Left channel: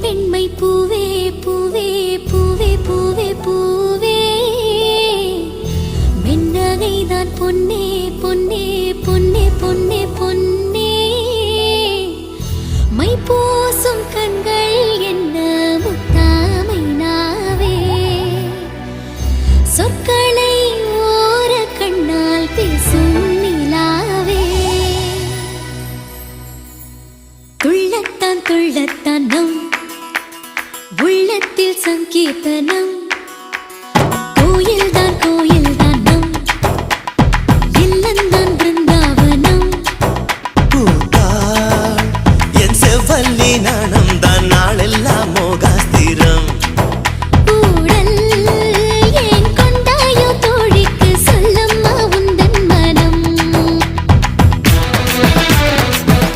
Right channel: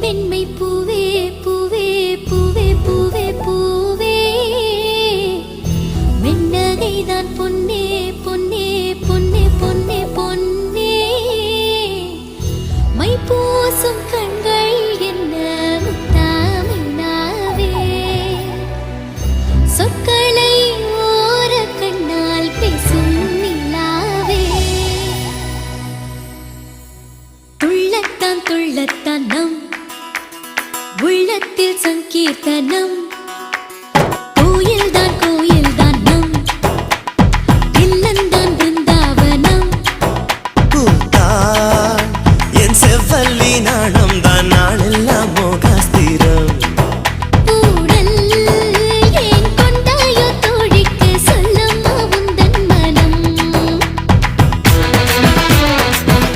பெண்மை பூவே பூவே பூவே பூவே பூவே. வெண்ணகைதான் பொன்னே பொன்னே பொன்னே பொன்னே பொன்னே. மை பூசும் கண்கள் என்ன முத்தாமை நாவே சொற்களை உள்ளத்தில் சங்கீர்த்தனம்.